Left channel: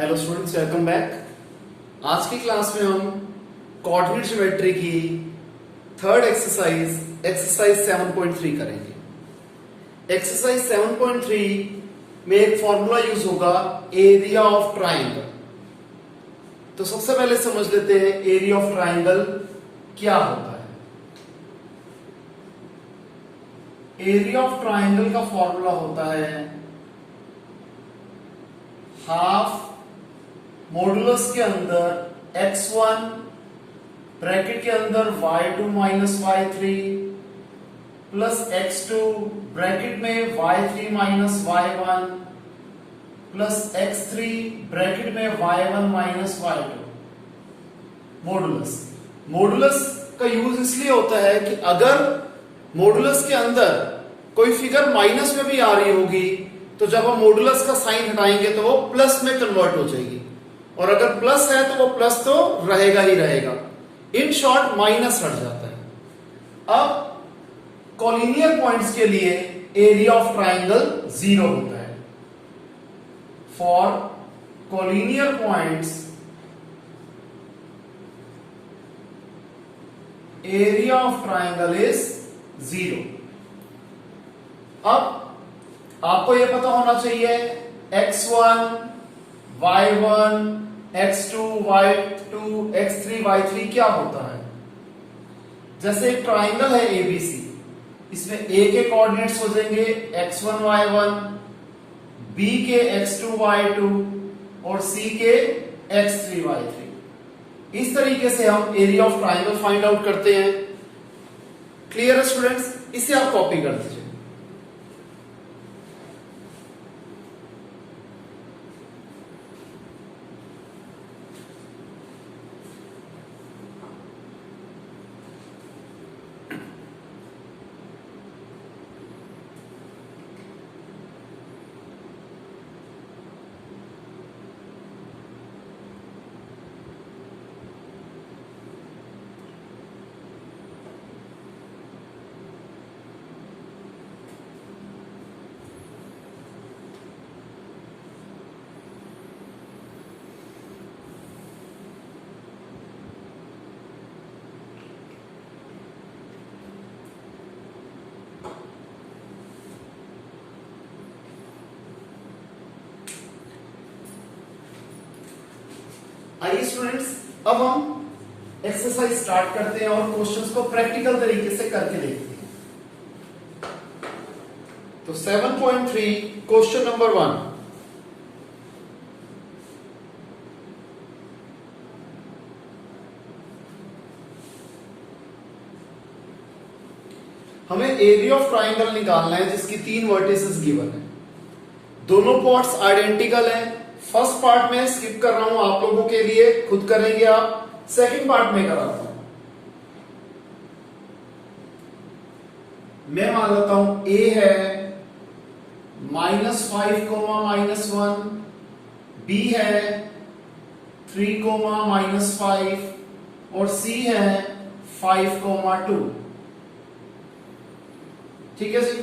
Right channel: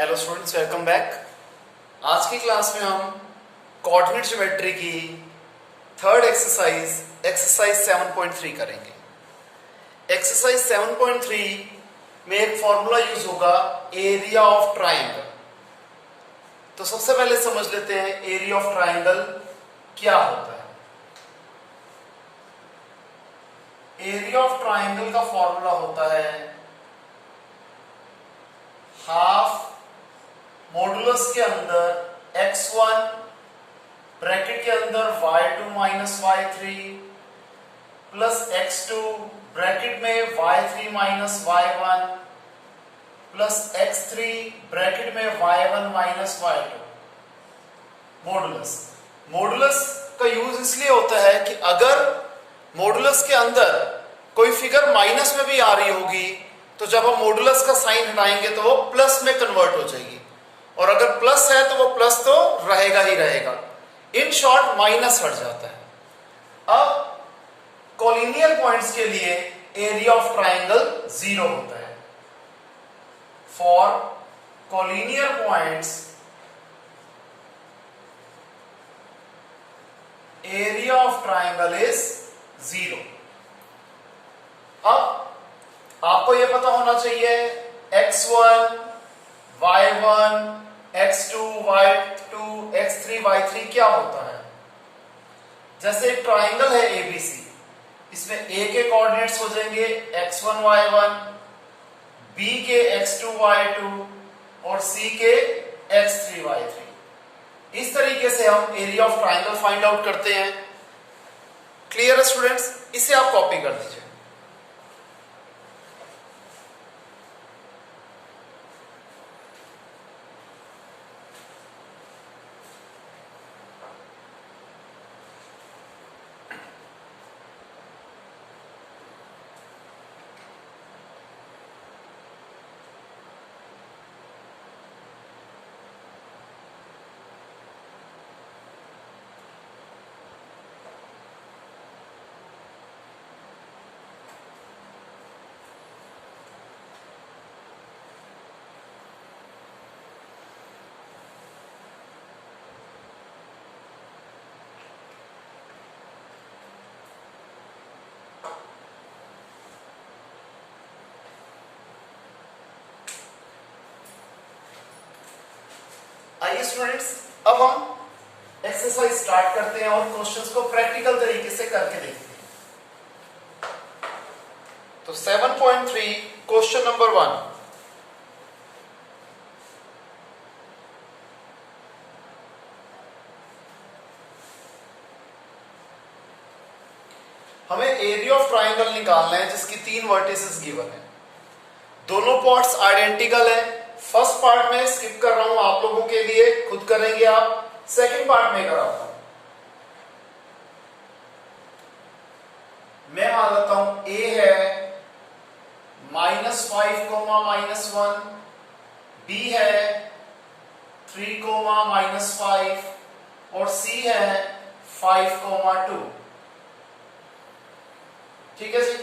Hello students, welcome back. आज की class में हम कोऑर्डिनेट ज्योमेट्री की थर्ड एक्सरसाइज 7.3 करेंगे। एक्सरसाइज 7.3 में एक फॉर्मूला यूज होगा एरिया ऑफ ट्राइंगल। तो सबसे पहले समझ लेते हैं एरिया ऑफ ट्राइंगल क्या होता है। एरिया ऑफ ट्राइंगल का फॉर्मूला होता है हाफ मॉडुलस के अंदर x1 ब्रैकेट के अंदर y2 minus y3 plus x2 bracket में y3 minus y1 plus x3 bracket में y1 माइनस y2। मॉडुलस का यूज इसलिए होता है कि अगर मॉडुलस के अंदर कोई फिगर माइनस में भी आ रही होगी तो जब हम मॉडुलस का साइन हटाएंगे तो वो प्लस में कन्वर्ट हो जाएगी, और अगर प्लस है तो वो प्लस तो रहेगा ही रहेगा। इन शॉर्ट माइनस हट जाता है। अब कोलिनियर पॉइंट्स के लिए एरिया ऑफ ट्राइंगल 0 होता है। For collinear points area of triangle is 0। अब आपको यह पता होना चाहिए x1 y1 x2 y2 x3 y3 क्या होता है। जैसे एक ट्राइंगल है ABC, इसमें A के कोऑर्डिनेट्स हो जाएंगे x1 y1, B के x2 y2 और C के x3 y3। इस तरीके से हम area of triangle find out करते हैं। क्लियर है स्टूडेंट्स? इसे आप कॉपी कर दीजिए। आइए स्टूडेंट्स, अब हम एक्सरसाइज स्टार्ट करते हैं और क्वेश्चंस को प्रैक्टिकल तरीके से करके देखते हैं। तो 7.3 क्वेश्चन नंबर 1। हमें एरिया ऑफ ट्राइंगल निकालना है जिसकी 3 वर्टिसेस गिवन है। दोनों पार्ट्स आइडेंटिकल हैं। फर्स्ट पार्ट में स्किप कर रहा हूं आप लोगों के लिए, खुद करेंगे आप। सेकंड पार्ट में कराता हूं। मैं मान लेता हूं A है -5, -1, B है 3, -5 और C है 5, 2। ठीक है जी।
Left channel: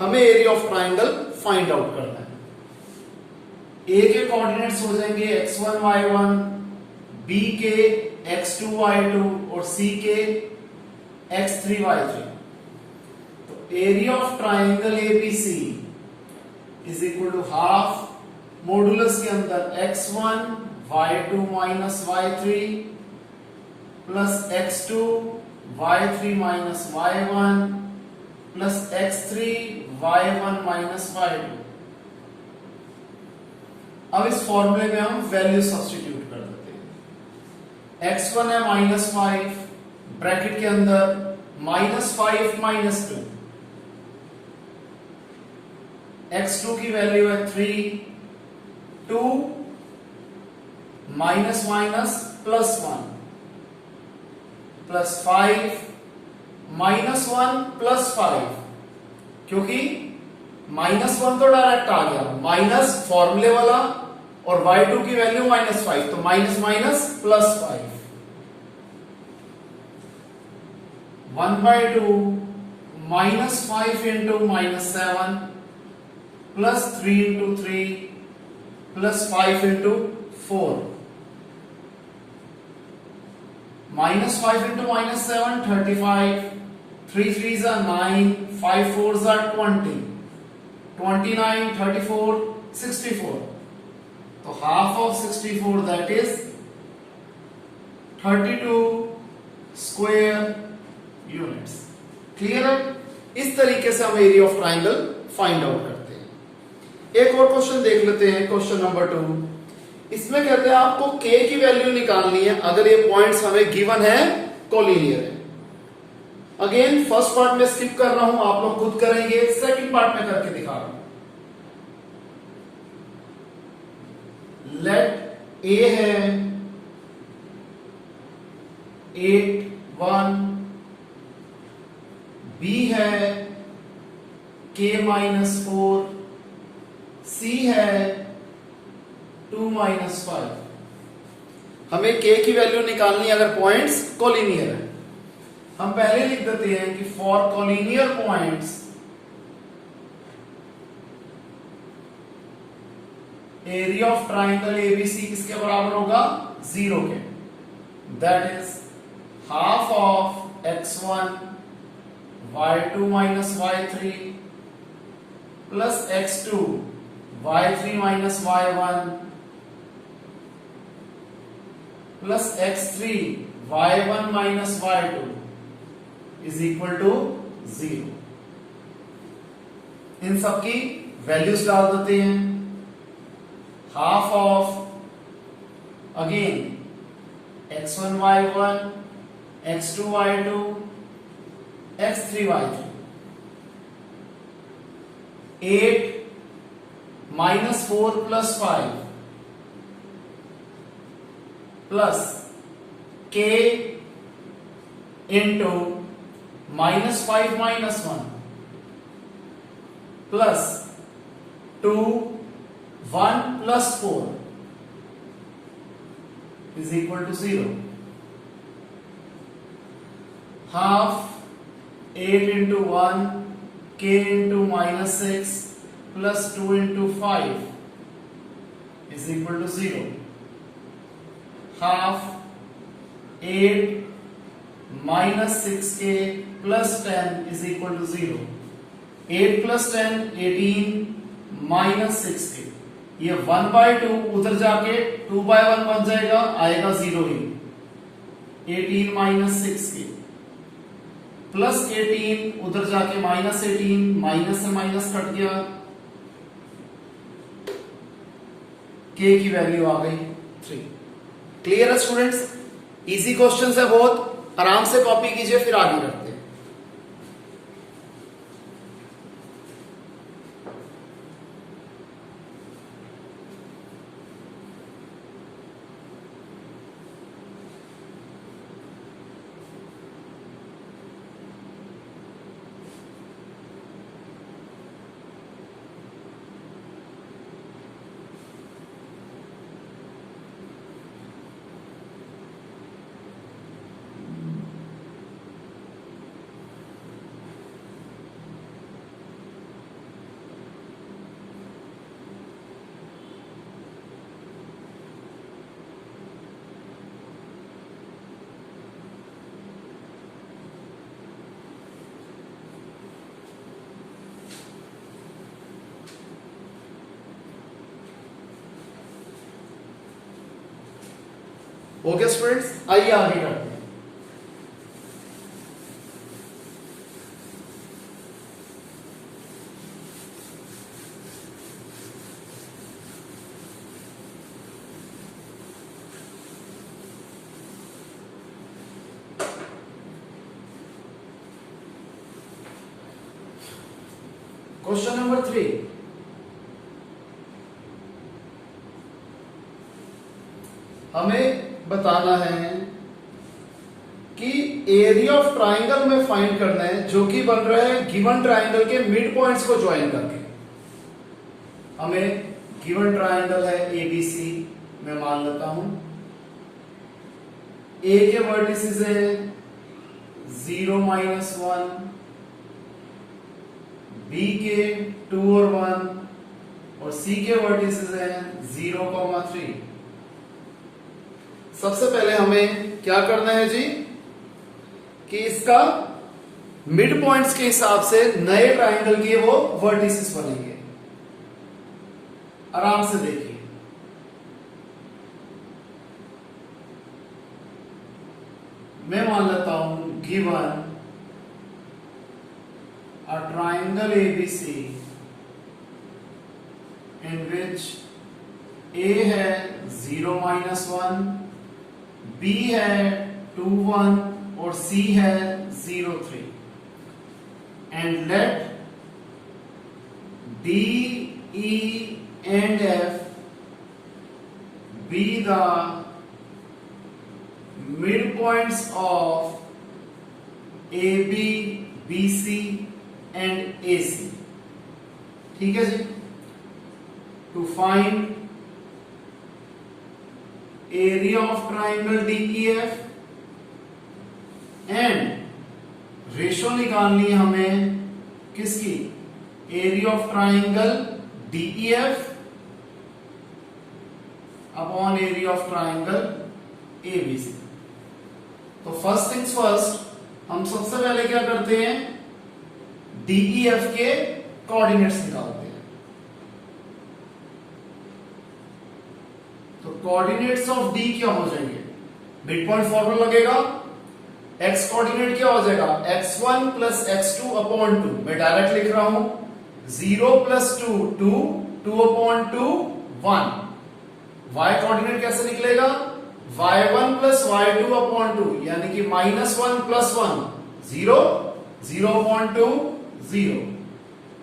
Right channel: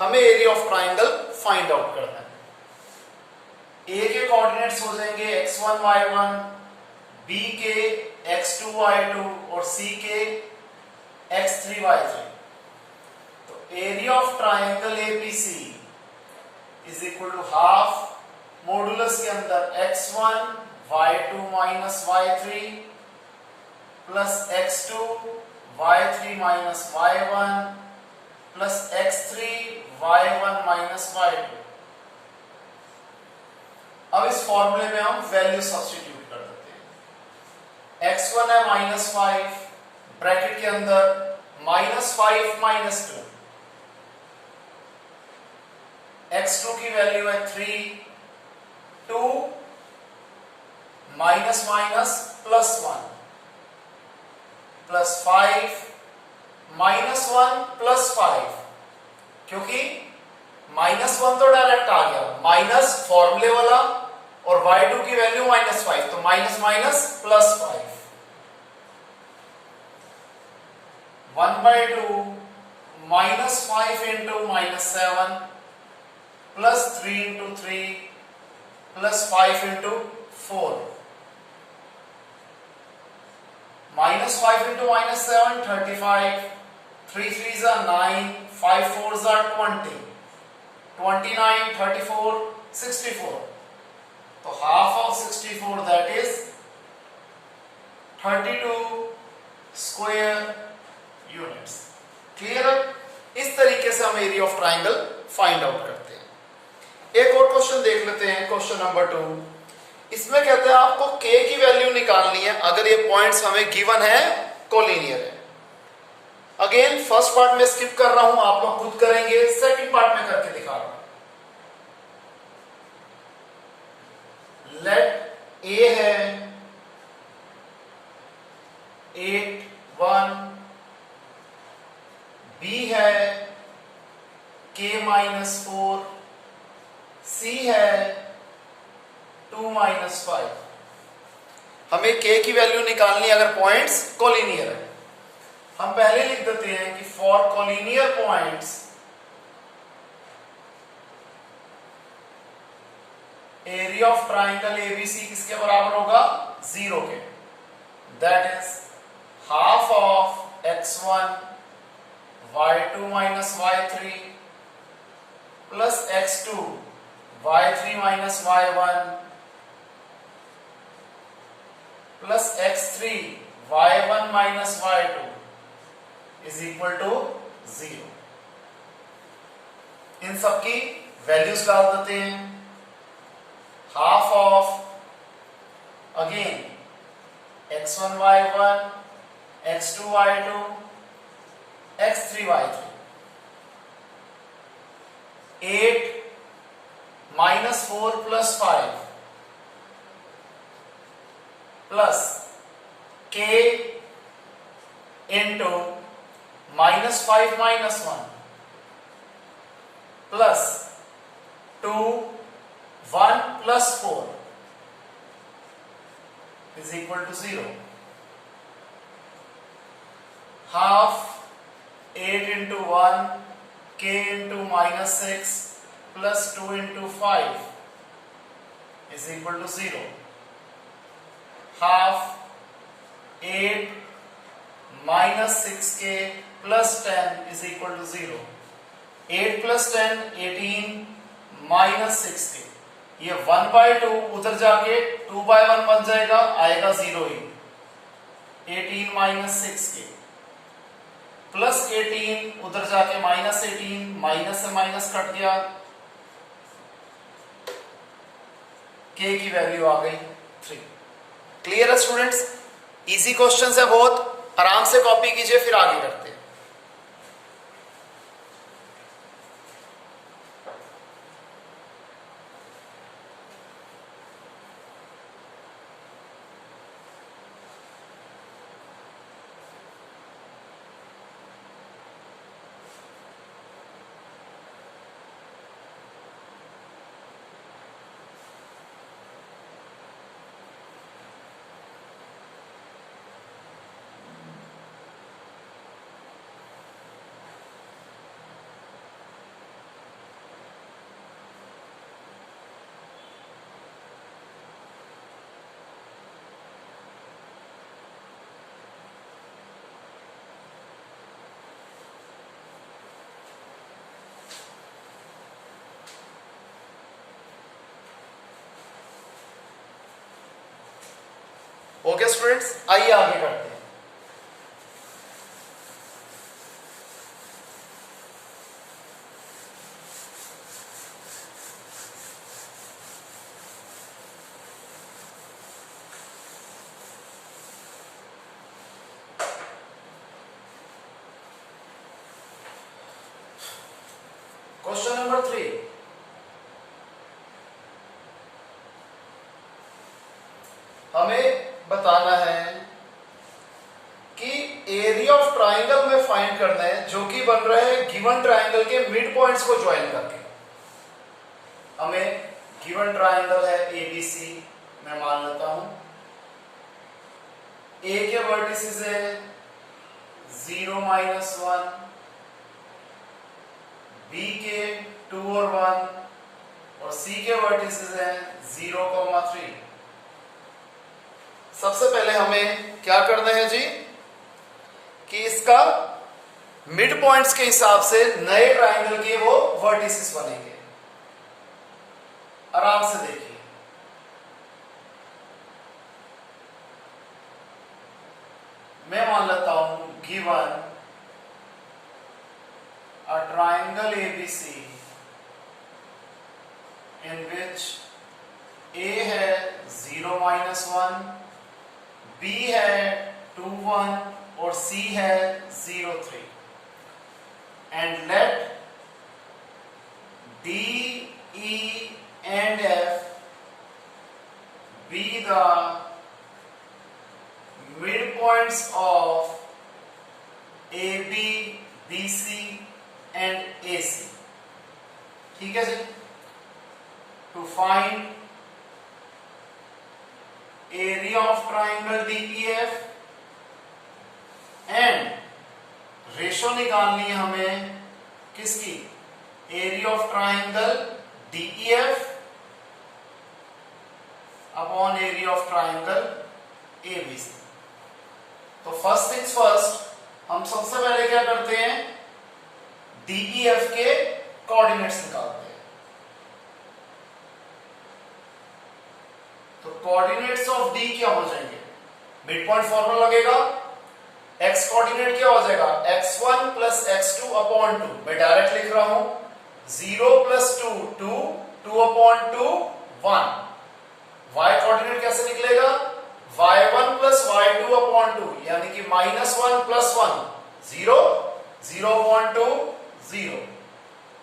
हमें area of triangle find out करना है। A के कोऑर्डिनेट्स हो जाएंगे x1 y1, B के x2 y2 और C के x3 y3। तो area of triangle ABC is equal to half modulus के अंदर x1 y2 minus y3 plus x2 y3 minus y1 plus x3 y1 minus y2। अब इस फॉर्मूले में हम वैल्यू सब्स्टिट्यूट कर देते हैं। x1 है -5 ब्रैकेट के अंदर -5 -2, x2 की वैल्यू है 3, 2 माइनस प्लस 1 प्लस 5 -1 प्लस 5, क्योंकि -1 तो डायरेक्ट आ गया, माइनस फॉर्मूले वाला और y2 की वैल्यू -5, तो minus minus plus 5। 1/2 -5 into -7 plus 3 into 3 plus 5 into 4, -5 into -7 35, 3 3s are 9, 5 4s are 20, 29, 34, 64. तो half of 64 that is 32 square units. Clear है? इस तरीके से हम area of triangle find out करते हैं। एक और क्वेश्चन देख लेते हैं, क्वेश्चन नंबर 2। इसमें कहते हैं आपको k की वैल्यू निकालनी है अगर ये पॉइंट्स हमें गिवन है, कोलिनियर है। अगेन फर्स्ट पार्ट में स्किप कर रहा हूं, आप लोग खुद करेंगे, सेकंड पार्ट में करके दिखा रहा हूं। लेट ए है 8 1, बी है k -4, सी है 2 -5। हमें k की वैल्यू निकालनी अगर पॉइंट्स कोलिनियर है। हम पहले लिख देते हैं कि for collinear points area of triangle ABC किसके बराबर होगा? 0 के। That is half of x1 y2 minus y3 plus x2 y3 minus y1 plus x3 y1 minus y2 is equal to 0। इन सबकी वैल्यूज डाल देते हैं। Half of again x1 y1 x2 y2 x3 y3, 8 -4 plus 5 plus k into -5 -1 plus 2 1 plus 4 is equal to 0। half 8 into 1 k into -6 plus 2 into 5 is equal to 0। half 8 minus 6k plus 10 is equal to 0। 8 plus 10 18 minus 6k, ये 1/2 उधर जाके 2/1 बन जाएगा, आएगा 0 ही। 18 minus 6k plus 18 उधर जाके -18, minus से minus cut गया, k की वैल्यू आ गई 3। क्लियर है स्टूडेंट्स? इजी क्वेश्चन है बहुत, आराम से कॉपी कीजिए, फिर आगे करते हैं। ओके स्टूडेंट्स, आइए आगे करते हैं। क्वेश्चन नंबर 3, हमें बताना है कि एरिया ऑफ ट्राइंगल में फाइंड करना है जो कि बन रहा है गिवन ट्राइंगल के मिड पॉइंट्स को ज्वाइन करके। हमें गिवन ट्राइंगल है एबीसी, मैं मान लेता हूं ए के वर्टिसेस है 0 -1, बी के 2 और 1 और सी के वर्टिसेस है 0, 3। सबसे पहले हमें क्या करना है जी कि इसका मिड पॉइंट्स के हिसाब से नए ट्राइंगल के वो वर्टिसेस बनेंगे। आराम से देखिए, मैं मान लेता हूं given a triangle ABC in which A है 0 -1, B है 2 1 और C है 0 3, and let D, E and F be the midpoints of AB, BC and AC। ठीक है जी। To find area of triangle DEF and ratio निकालनी है हमें किसकी, area of triangle DEF upon area of triangle ABC। तो first things first, हम सबसे पहले क्या करते हैं, DEF के कोऑर्डिनेट्स निकालते हैं। तो कोऑर्डिनेट्स ऑफ D क्या हो जाएंगे, मिड पॉइंट फॉर्मूला लगेगा, x कोऑर्डिनेट क्या हो जाएगा, x1 प्लस x2 अपॉन 2, मैं डायरेक्ट लिख रहा हूं 0 प्लस 2 2, 2 अपॉन 2 1। y कोऑर्डिनेट कैसे निकलेगा, y1 प्लस y2 अपॉन 2, यानी कि -1 प्लस 1 0, 0 अपॉन 2 0।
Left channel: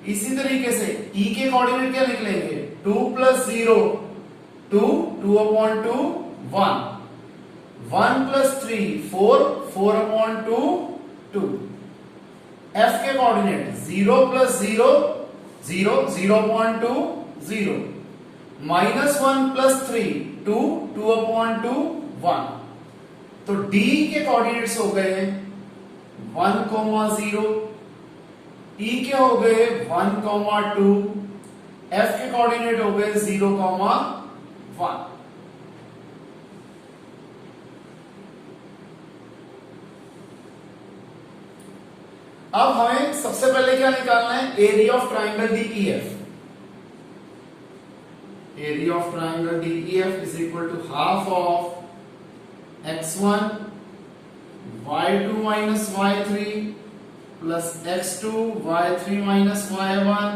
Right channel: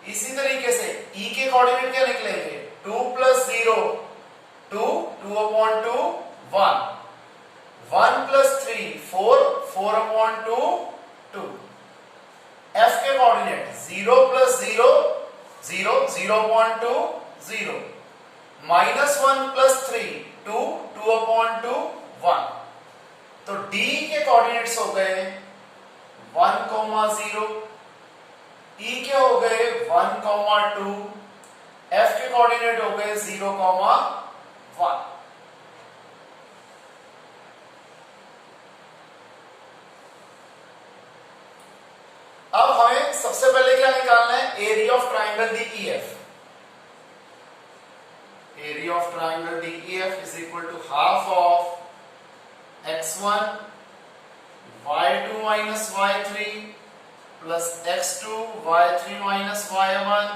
इसी तरीके से e के कोऑर्डिनेट क्या निकलेंगे, 2 plus 0 2, 2 upon 2 1, 1 plus 3 4, 4 upon 2 2। f के coordinate 0 plus 0 0, 0 upon 2 0, -1 plus 3 2, 2 upon 2 1। तो d के कोऑर्डिनेट्स हो गए 1, 0, e के हो गए 1, 2, f के कोऑर्डिनेट हो गए 0, 1। अब हमें सबसे पहले क्या निकालना है, area of triangle DEF। Area of triangle DEF is equal to half of x1 y2 minus y3 plus x2 y3 minus y1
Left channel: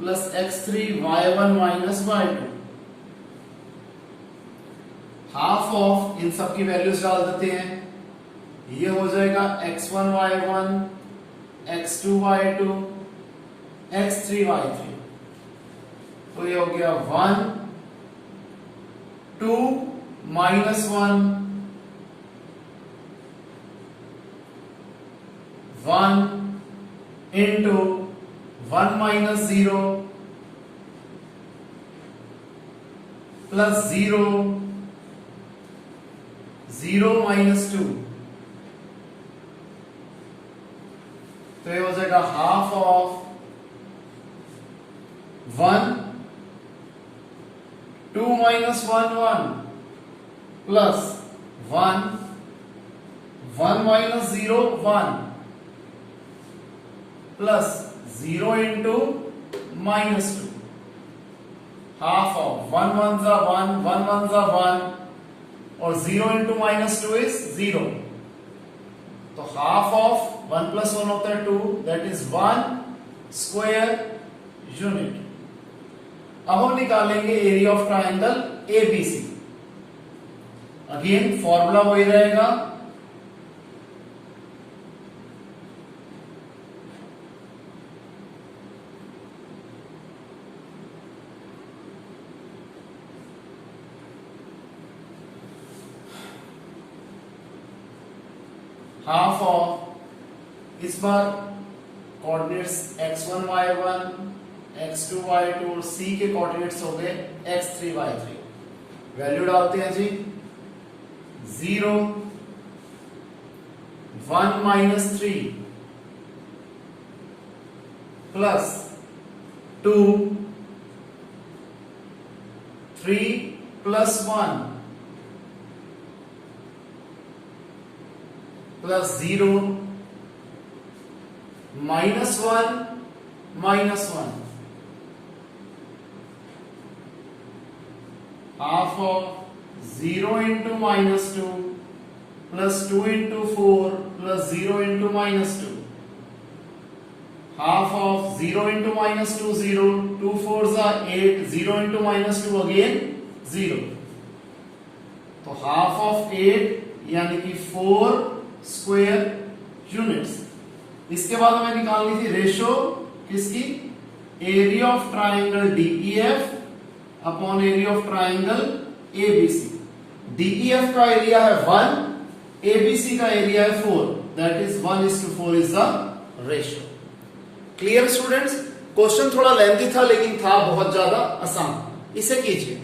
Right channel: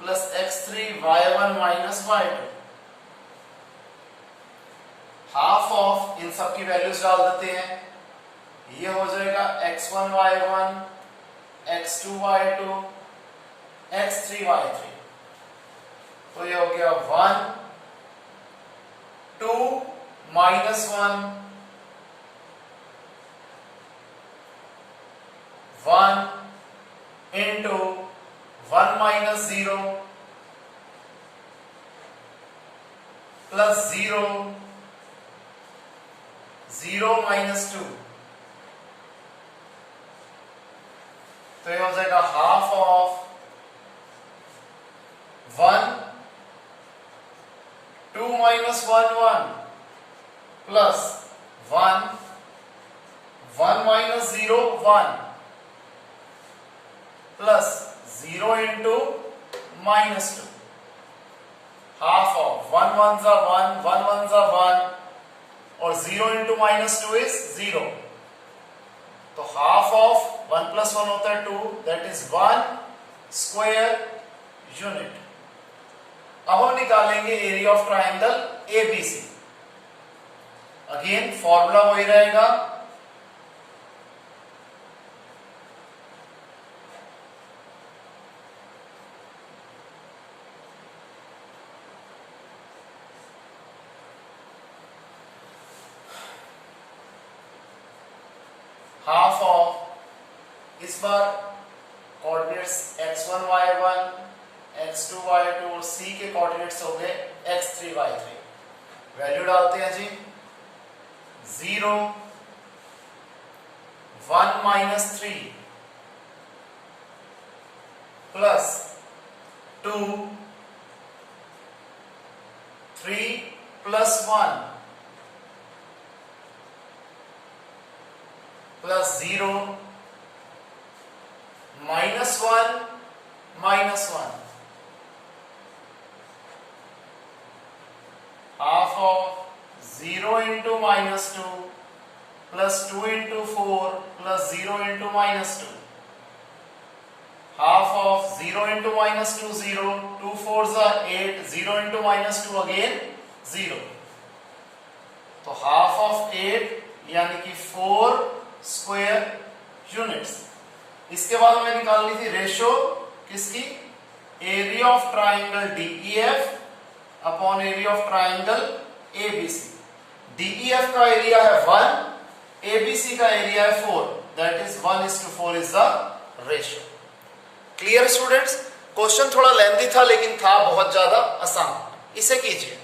plus x3 y1 minus y2। Half of इन सब की वैल्यूज डाल देते हैं, ये हो जाएगा x1 y1 x2 y2 x3 y3। तो ये हो गया 1 2 -1 1 into 1 minus 0 plus 0 0 minus 2। तो ये हो जाएगा half of 1 2 minus 1 1 plus 1 1 minus 0 1 plus 0 into minus 2। Half of 1 1 जा 1 1 1 जा 1 और 0 into minus 2 is 0। तो हाफ ऑफ 1 plus 1 होता है 2, that is 1 square unit। अब हम निकालेंगे area of triangle ABC। Again formula वही रहेगा, हाफ ऑफ, इस बार coordinates x1 y1 x2 y2 और c के कोऑर्डिनेट्स हो गए x3 y3। वैल्यू डालते हैं जी, 0 1 minus 3 plus 2 3 plus 1 plus 0 -1 -1 half of 0 into -2 plus 2 into 4 plus 0 into -2 half of 0 into -2 0 2 4s are 8 0 into -2 again 0 तो half of 8 यानी कि 4 स्क्वायर यूनिट्स। इसके बाद हमें निकालनी थी रेशो किसकी, area of triangle DEF upon area of triangle ABC। DEF का एरिया है 1, ABC का एरिया है 4, that is 1:4 is the ratio. Clear students? Question थोड़ा लेंथी था लेकिन था बहुत ज्यादा आसान। इसे कीजिए।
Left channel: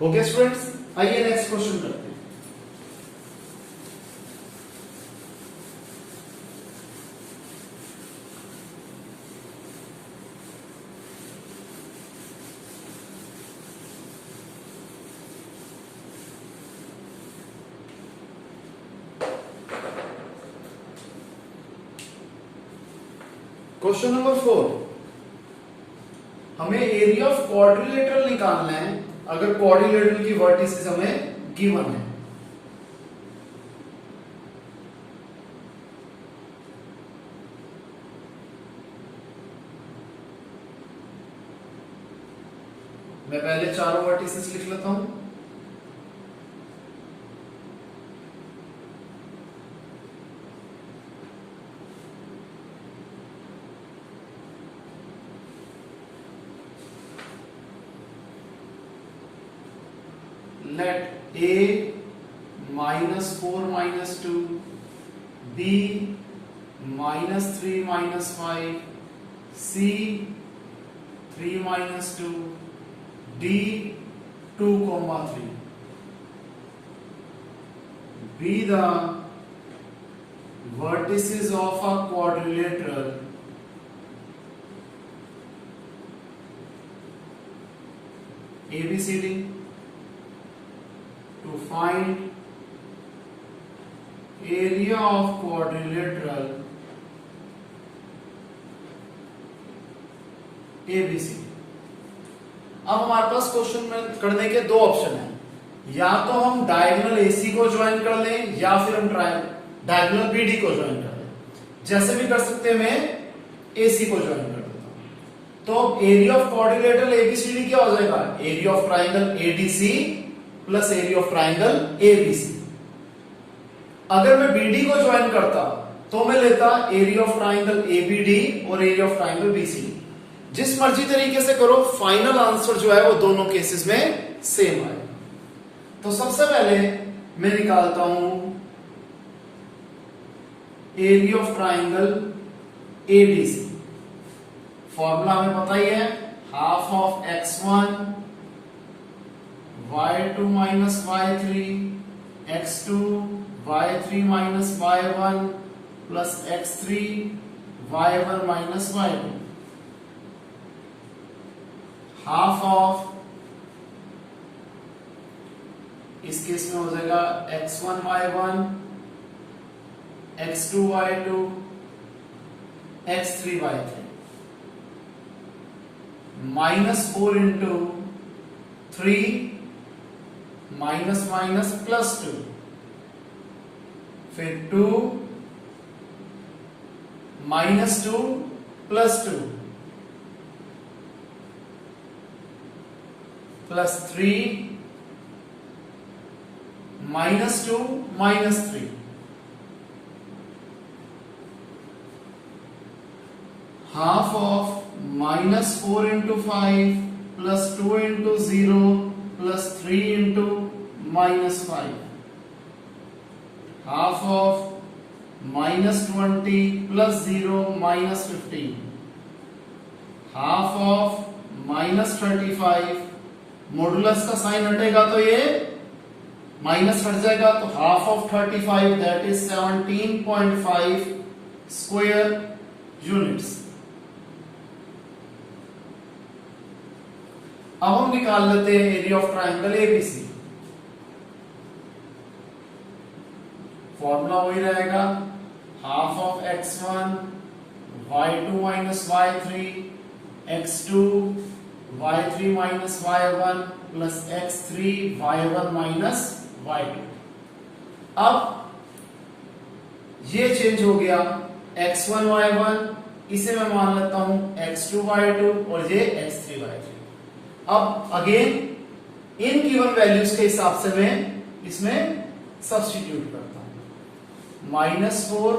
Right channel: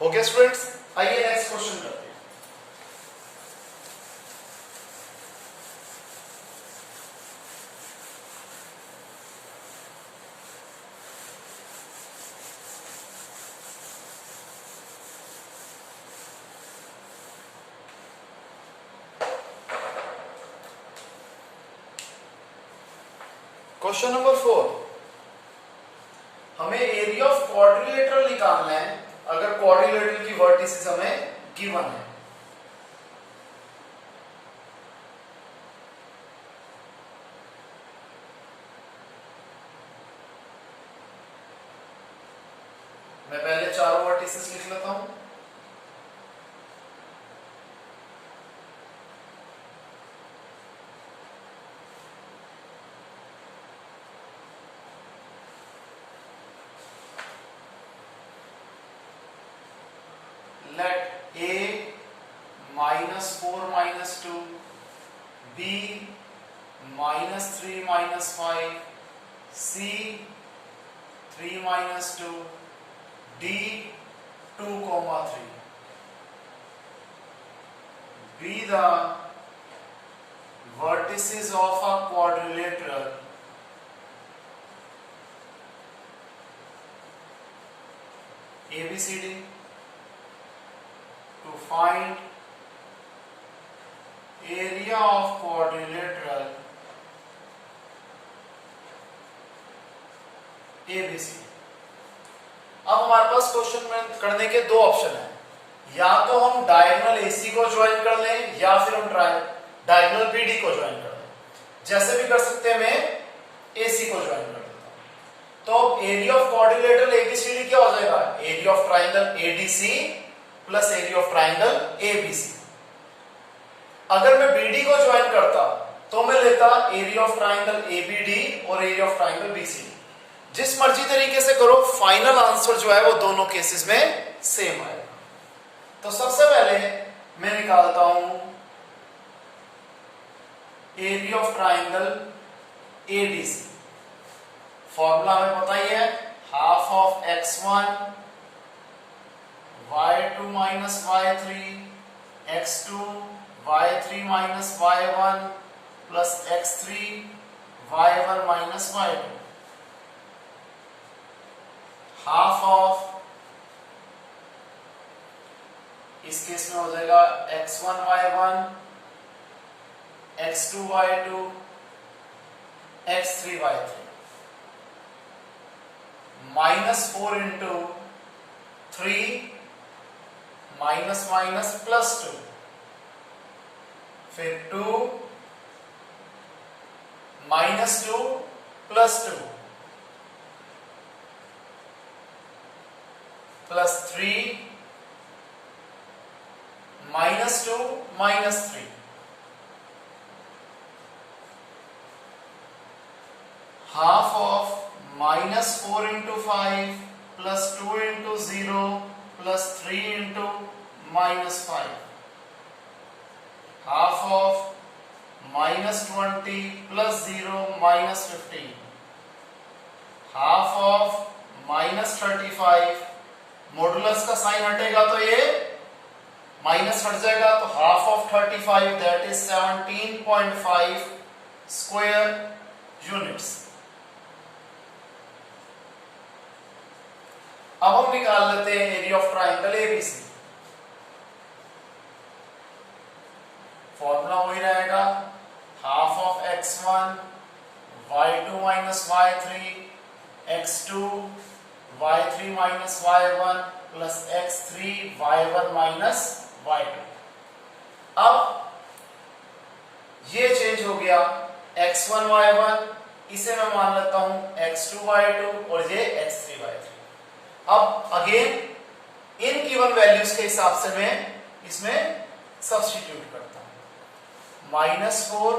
हो गया स्टूडेंट्स? आइए नेक्स्ट क्वेश्चन करते हैं। क्वेश्चन नंबर 4, हमें एरिया ऑफ क्वाड्रिलेटरल निकालना है अगर क्वाड्रिलेटरल की वर्टिसेस हमें गिवन है। मैं पहले चारों वर्टिसेस लिख लेता हूं। Let A -4 -2, B -3 -5, C 3 -2, D 2, 3 be the vertices of a quadrilateral ABCD to find area of quadrilateral ABC। अब हमारे पास क्वेश्चन में करने के दो ऑप्शन हैं, या तो हम डायगोनल AC को ज्वाइन कर लें या फिर हम डायगोनल BD को ज्वाइन कर लें। जैसे भी कर सकते हैं, मैं AC को ज्वाइन कर देता हूं। तो एरिया ऑफ क्वाड्रिलेटरल ABCD क्या हो जाएगा, area of triangle ADC plus area of triangle ABC। अगर मैं BD को ज्वाइन करता तो मैं लेता एरिया ऑफ ट्राइंगल ABD और एरिया ऑफ ट्राइंगल BCD। जिस मर्जी तरीके से करो, फाइनल आंसर जो है वो दोनों केसेस में सेम आएगा। तो सबसे पहले मैं निकालता हूं area of triangle ADC। Formula हमें पता ही है, half of x1 y2 minus y3 x2 y3 minus y1 plus x3 y1 minus y2 half of, इस केस में हो जाएगा x1 y1 x2 y2 x3 y3 -4 into 3 minus minus +2, फिर 2 -2 +2 +3 -2 -3, half of -4 into 5 plus 2 into 0 plus 3 into -5, half of -20 plus 0 -15, half of -35, modulus का sign हटेगा तो ये minus हट जाएगा, तो half of 35 that is 17.5 square units. अब हम निकाल लेते हैं area of triangle ABC. Formula वही रहेगा, half of x1 y2 minus y3 x2 y3 minus y1 plus x3 y1 minus y2। अब ये चेंज हो गया, x1 y1 इसे मैं मान लेता हूं x2 y2 और ये x3 y3। अब अगेन इन गिवन वैल्यूज के हिसाब से मैं इसमें सब्स्टिट्यूट करता हूं। -4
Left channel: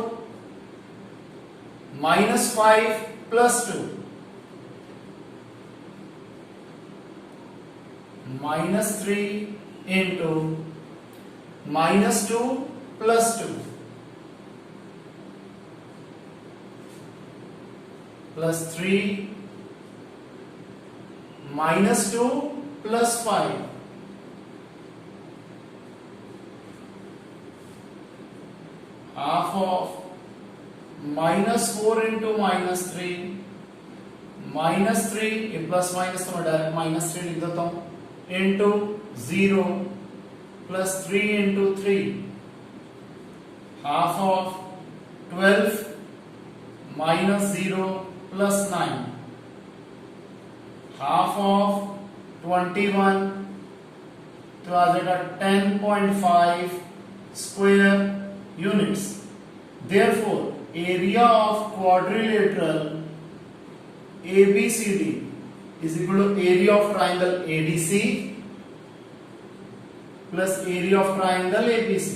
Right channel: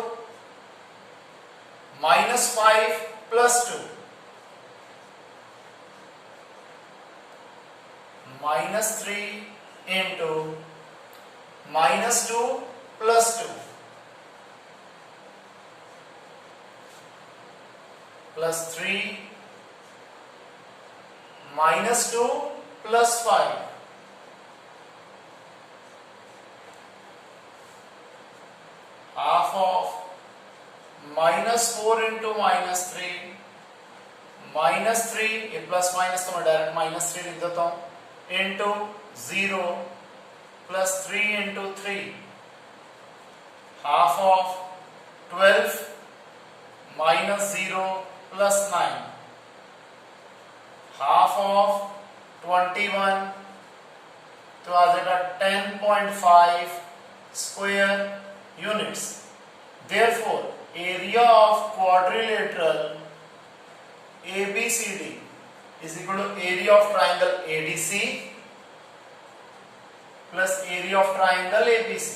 -5 +2 -3 into -2 +2 +3 -2 +5 half of -4 into -3 -3, ये प्लस माइनस तो मैं डायरेक्ट -3 लिख देता हूं, into 0 plus 3 into 3, half of 12 minus 0 plus 9, half of 21 तो आ जाएगा 10.5 square units. Therefore, area of quadrilateral ABCD is equal to area of triangle ADC plus area of triangle APC।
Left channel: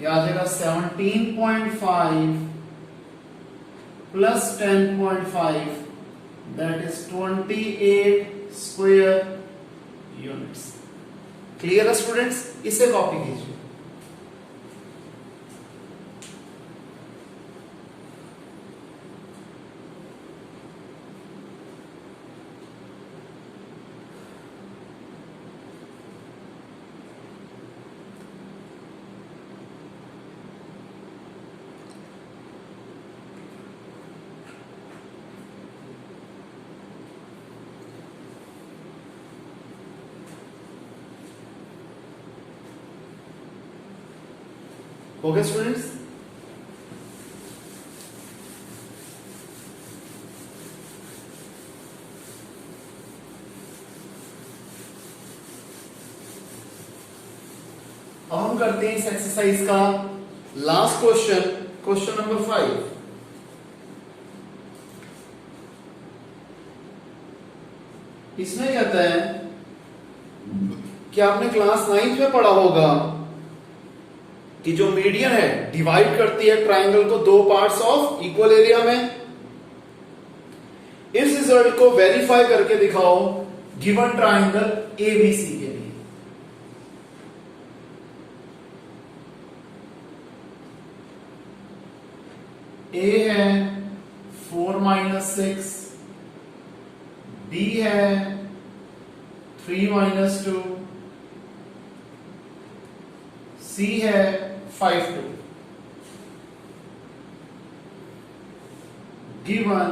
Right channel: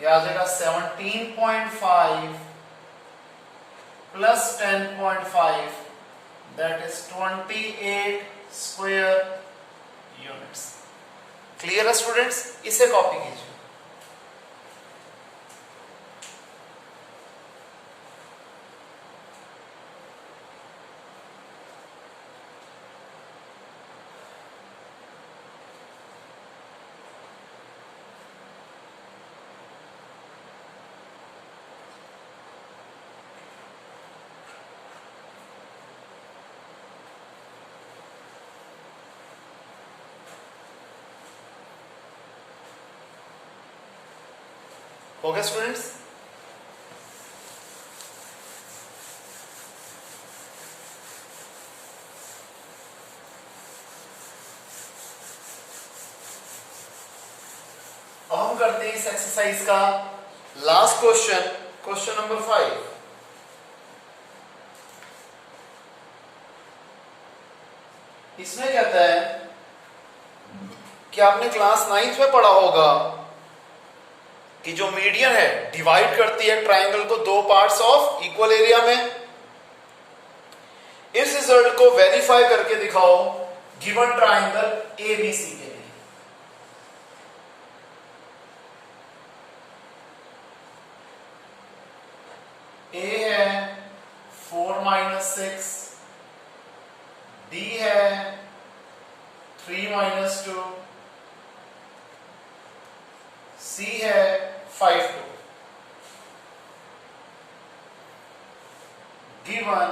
ये आ जाएगा 17.5 plus 10.5 that is 28 square units। Clear है students? इसे copy कीजिए। हो गया students? अब हम करते हैं इस एक्सरसाइज का लास्ट क्वेश्चन, क्वेश्चन नंबर 5। इसमें कहता है कि आपने क्लास 9th में पढ़ा होगा कि जो मीडियन है डिवाइड करती है ट्राइंगल को दो पार्ट्स ऑफ इक्वल एरिया में। इस रिजल्ट को वेरीफाई करके दिखाओ गिवन ट्राइंगल एबीसी के लिए। ए है 4 - 6, बी है 3 - 2, सी है 5 2। Given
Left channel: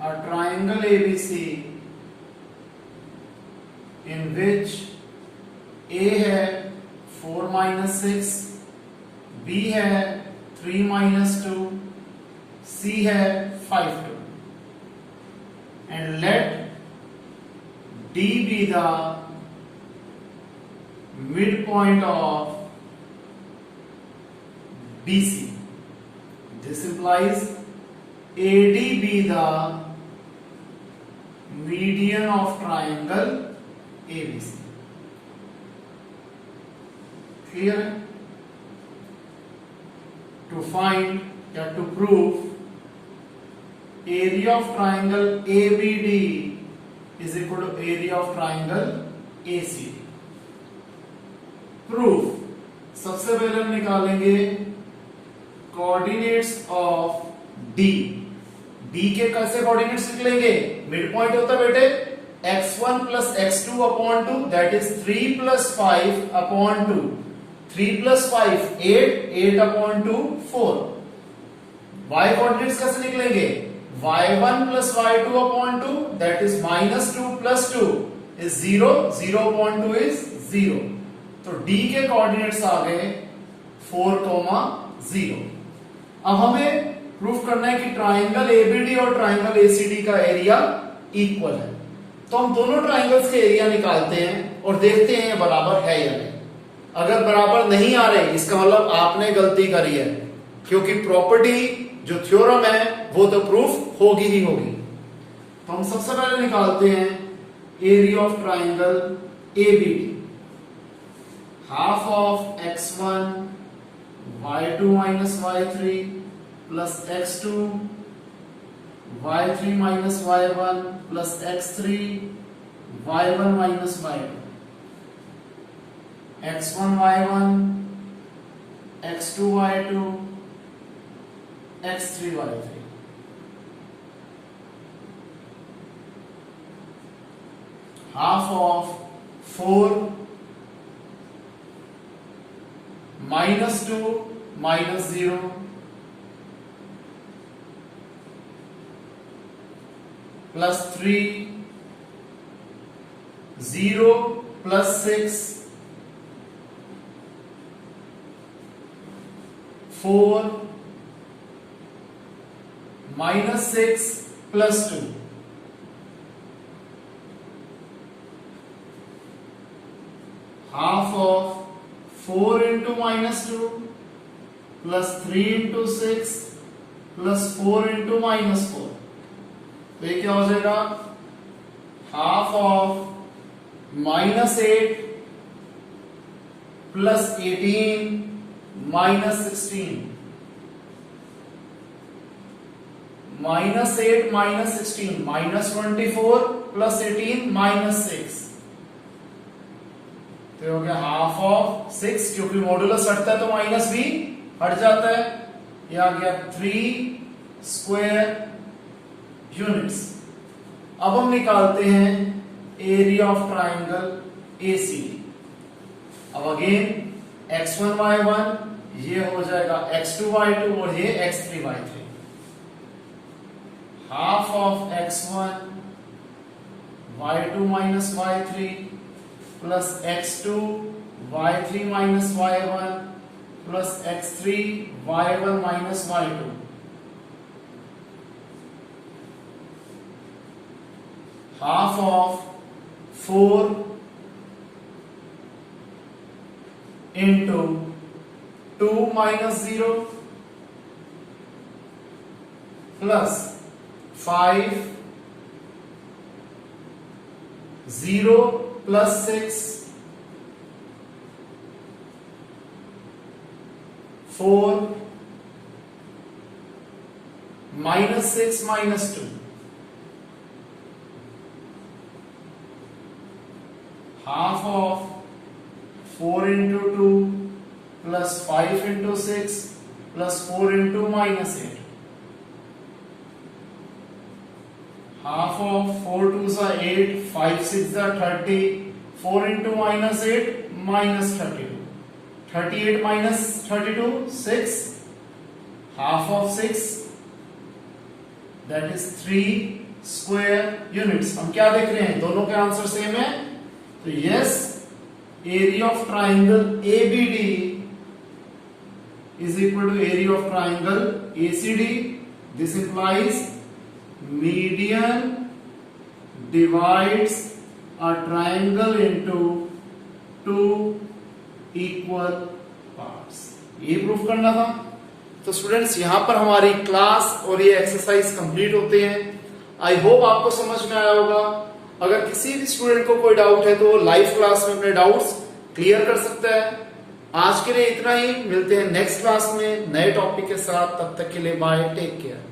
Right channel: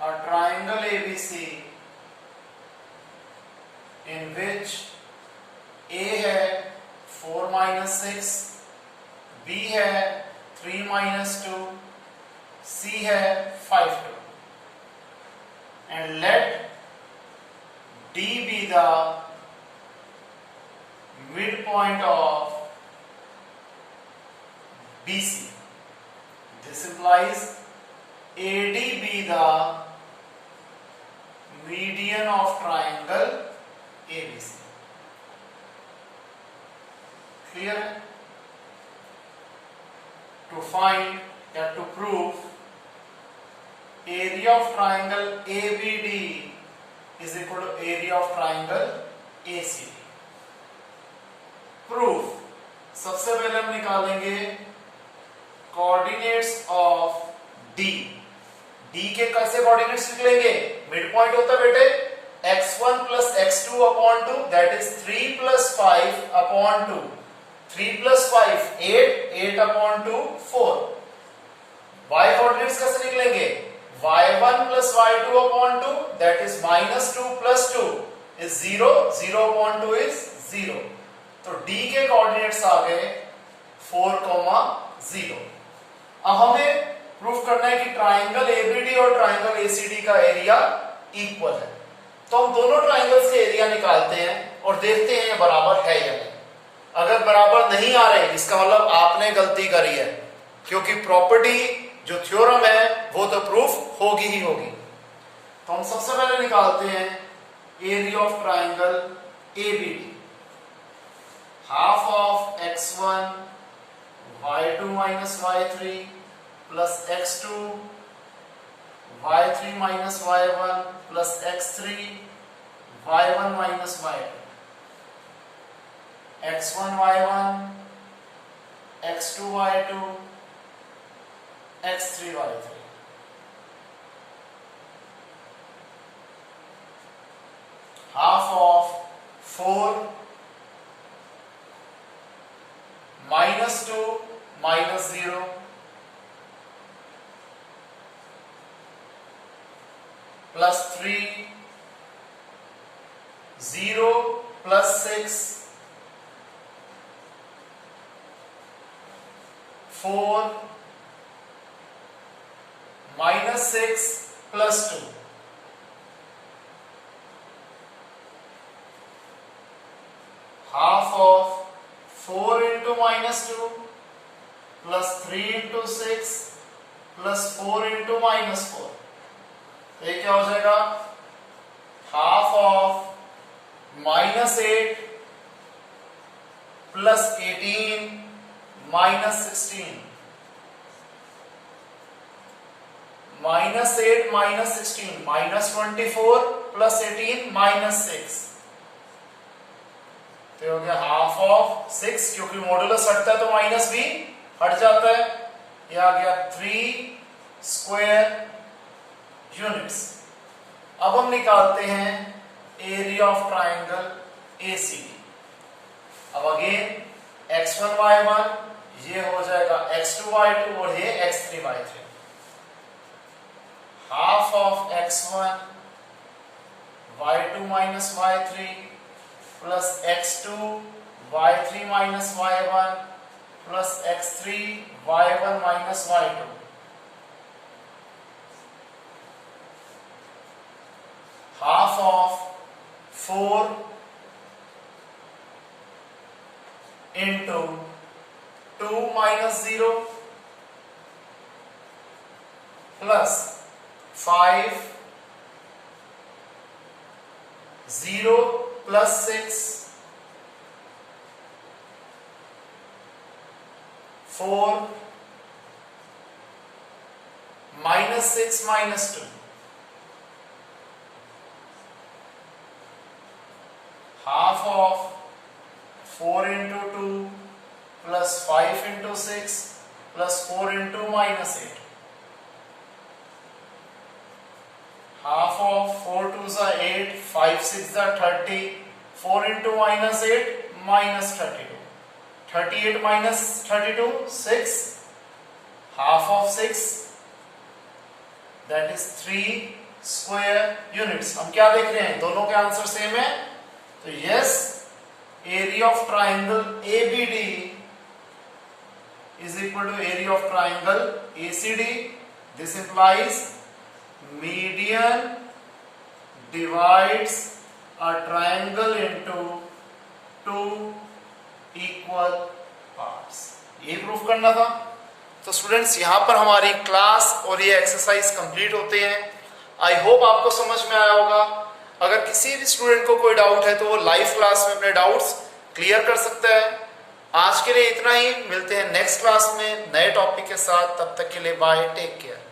a triangle ABC in which A है 4 - 6, B है 3 - 2, C है 5 2 and let D be the midpoint of BC. This implies AD be the median of triangle ABC. Clear? To find that to prove area of triangle ABD is equal to area of triangle ACD. Proof. सबसे पहले हम निकालेंगे coordinates of D. D के कैसे coordinates निकलेंगे? Mid point होता है बेटे x1 plus x2 upon 2 that is 3 plus 5 upon 2. 3 plus 5 8 8 upon 2 4. y coordinates कैसे निकलेंगे? y1 plus y2 upon 2 that is minus 2 plus 2 is 0 0 upon 2 is 0. तो d के कोऑर्डिनेट्स आ गए 4, 0. अब हमें प्रूफ करना है कि ट्राइंगल एबीडी और ट्राइंगल एसीडी का एरिया इक्वल है. तो हम दोनों ट्राइंगल्स के एरिया निकालते हैं और देखते हैं बराबर है या नहीं. अगर बराबर नहीं आ रहे इसका मतलब आपने गलती करी है, क्योंकि प्रॉपर्टी जो थ्योरम है वो तो प्रूफ होगी ही होगी. तो हम सबसे पहले निकालते हैं area of triangle ABD. Half of x1 y2 minus y3 plus x2 y3 minus y1 plus x3 y1 minus y2. x1 y1 x2 y2 x3 y3. Half of 4 minus 2 minus 0 plus 3 0 plus 6 4 minus 6 plus 2. Half of 4 into minus 2 plus 3 into 6 plus 4 into minus 4. तो ये क्या हो जाएगा? Half of minus 8 plus 18 minus 16. Minus 8 minus 16 minus 24 plus 18 minus 6. तो हो गया half of 6, क्योंकि modulus हटता है तो माइनस भी हट जाता है. ये आ गया 3 स्क्वायर यूनिट्स. अब हम निकालते हैं एरिया ऑफ ट्राइंगल एसीडी. अब अगेन x1 y1 ये हो जाएगा x2 y2 और ये x3 y3. Half of x1 y2 minus y3 plus x2 y3 minus y1 plus x3 y1 minus y2. Half of 4 into 2 minus 0 plus 5 0 plus 6 4 minus 6 minus 2. Half of 4 into 2 plus 5 into 6 plus 4 into minus 8. Half of 4 2s are 8, 5 6s are 30, 4 into minus 8 minus 32. 38 minus 32 6. Half of 6 that is 3 square units. हम क्या देख रहे हैं? दोनों के answer same है. तो yes, area of triangle ABD is equal to area of triangle ACD. This implies median divides a triangle into two equal parts. ये प्रूफ करना था। तो स्टूडेंट्स यहां पर हमारी क्लास और ये एक्सरसाइज कंप्लीट होते हैं। आई होप आपको समझ में आया होगा। अगर किसी भी स्टूडेंट को कोई डाउट है तो वो लाइव क्लास में अपने डाउट्स क्लियर कर सकता है। आज के लिए इतना ही, मिलते हैं नेक्स्ट क्लास में नए टॉपिक के साथ। तब तक के लिए बाय, टेक केयर।